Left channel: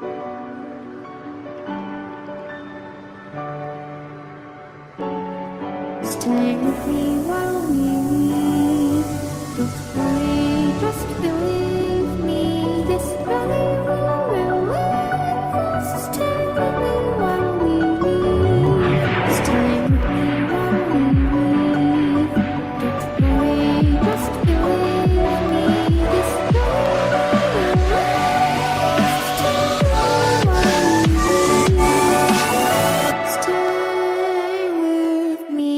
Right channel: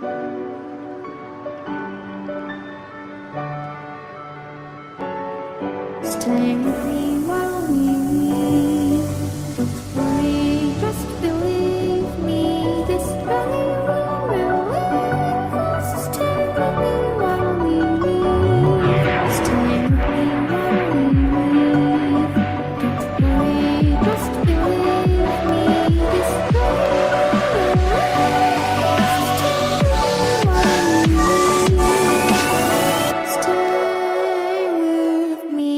Stay with me while we leave. Don't worry, just believe me. This valley will relieve us. Stay with me while we leave. Stay with me while we leave. Don't worry, just believe me. This valley will relieve us. Stay with me while we leave. Stay with me.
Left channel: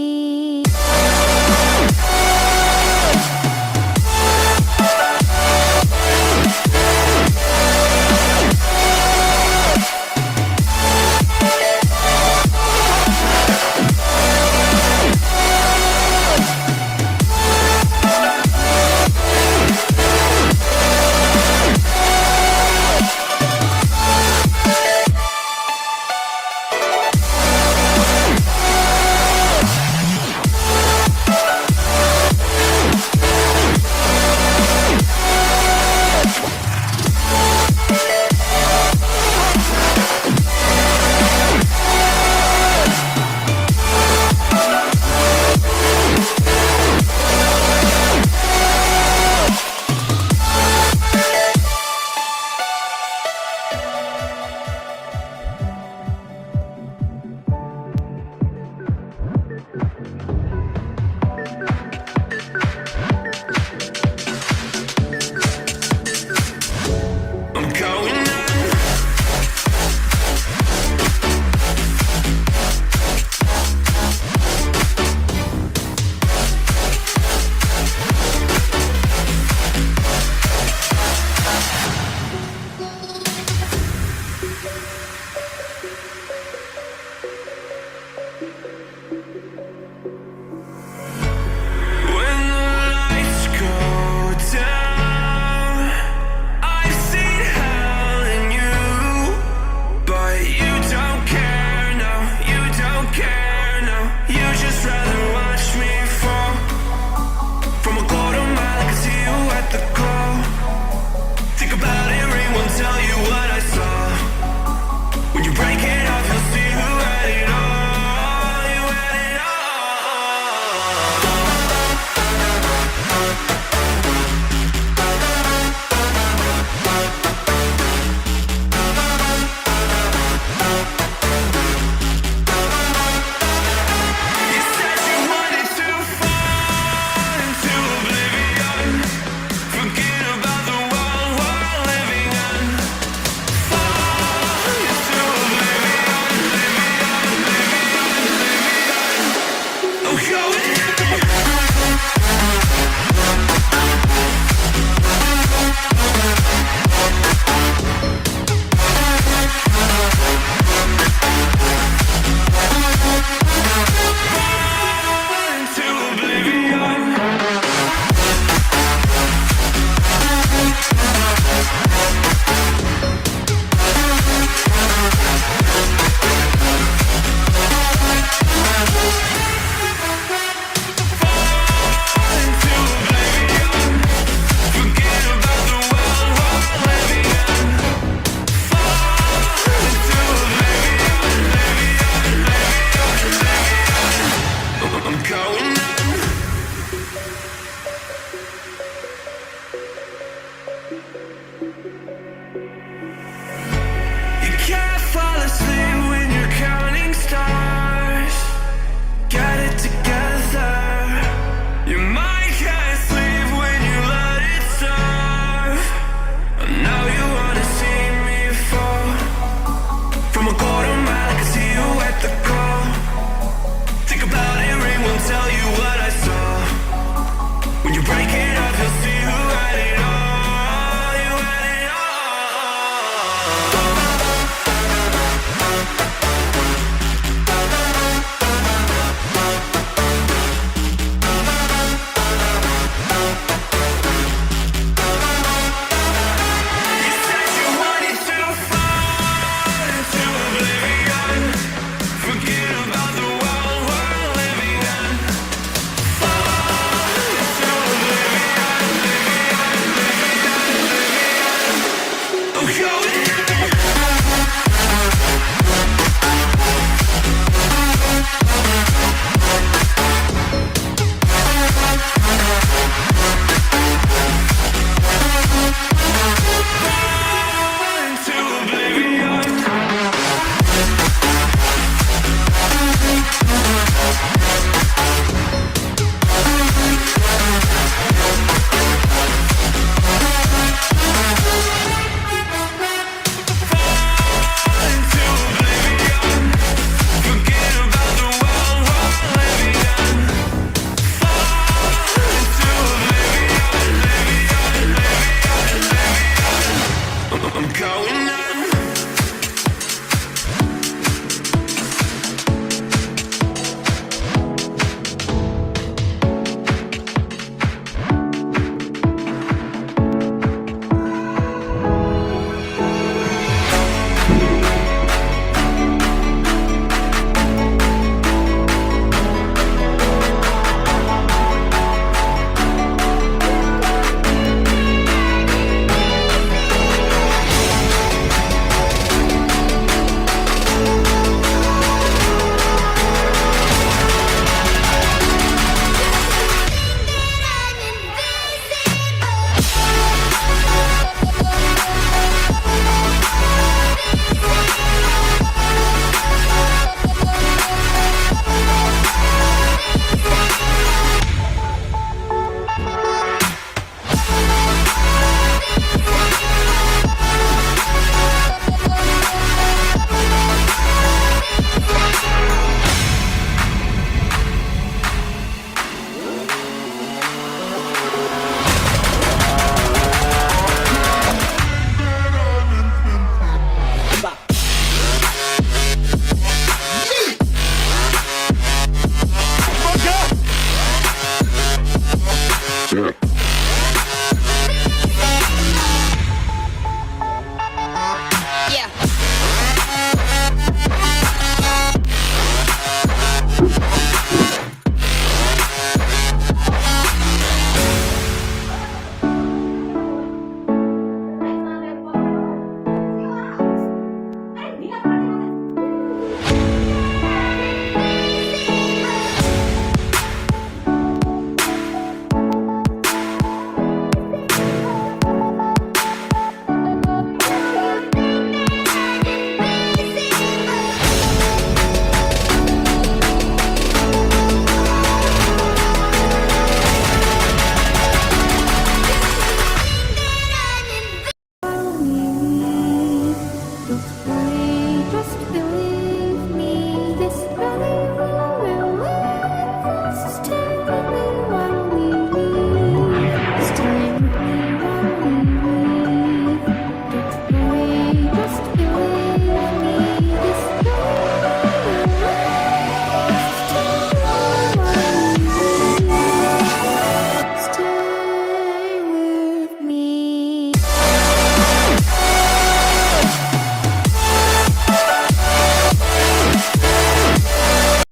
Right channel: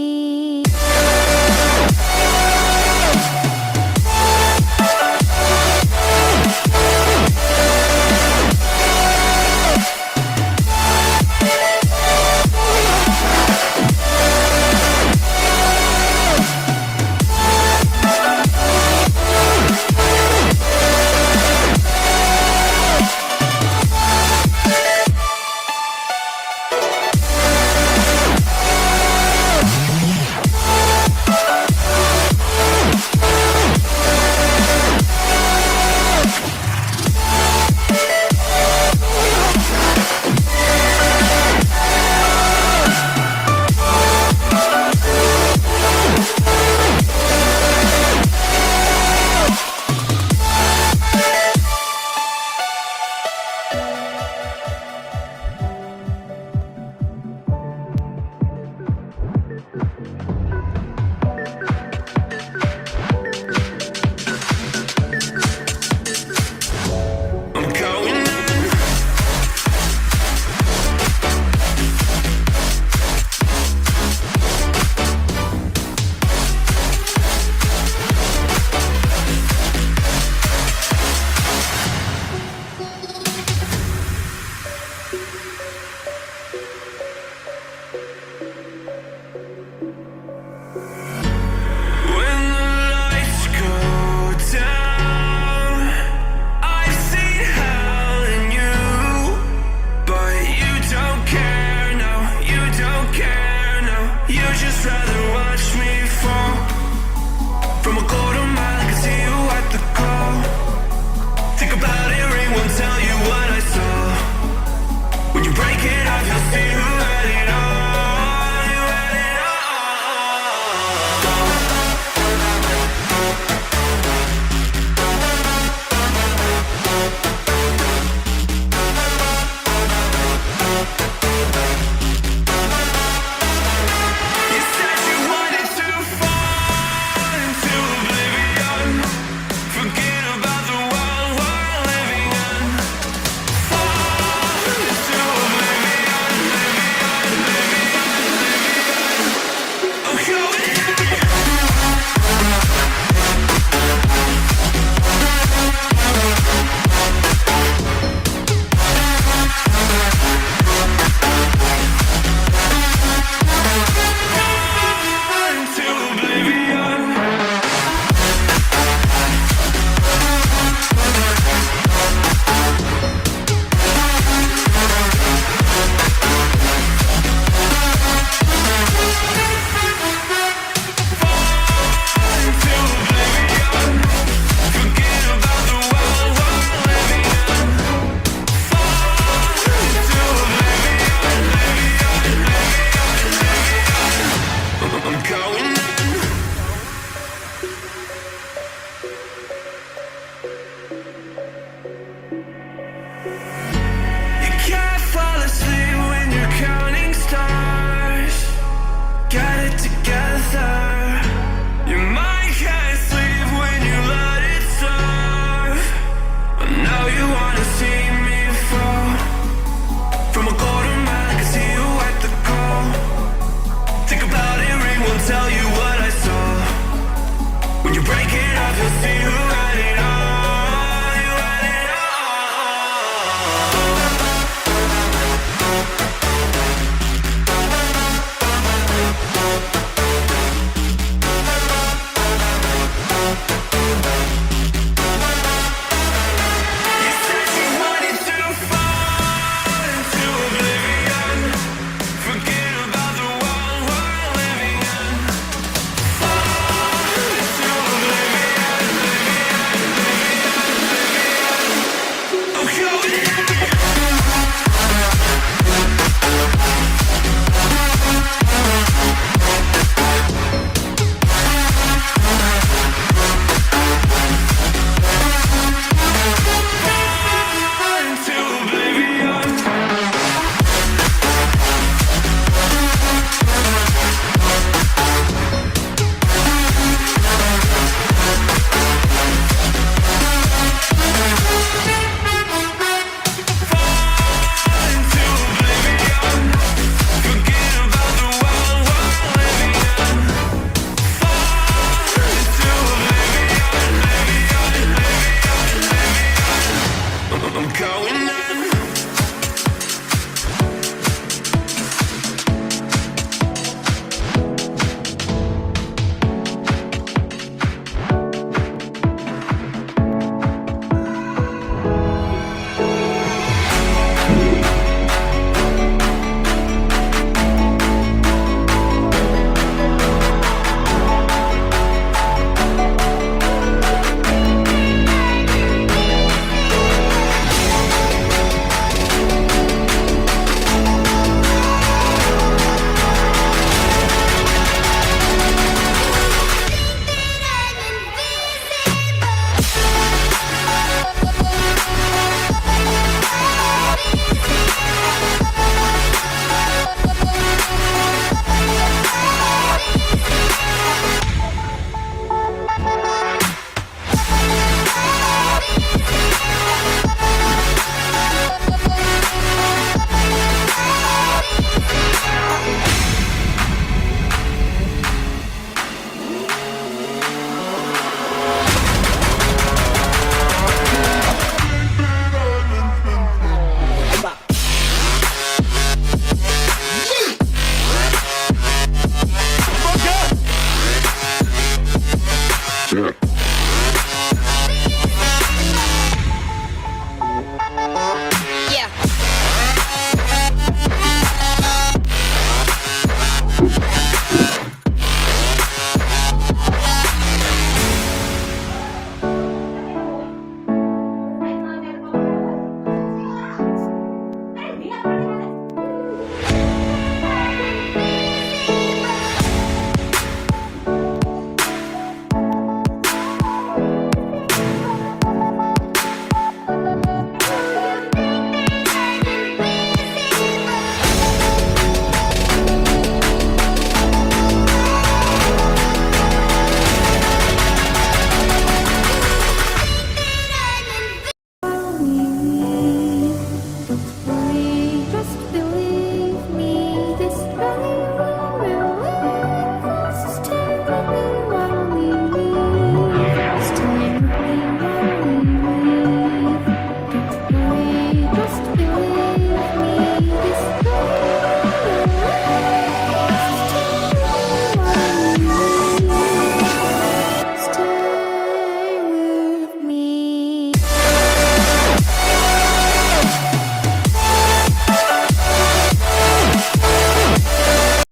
Just rather watch me fall from a quarter mile. I can see you at the glow. Think about it, ring won't tell you what I saw. When you break it off, you'll see who had it all. You had it tell you what I saw. When you break it off, you'll see who had it all. You had it You said you wanted to fall into oblivion. Forget about the world we're living in. Fall into oblivion, oblivion, oblivion. I'm going going on.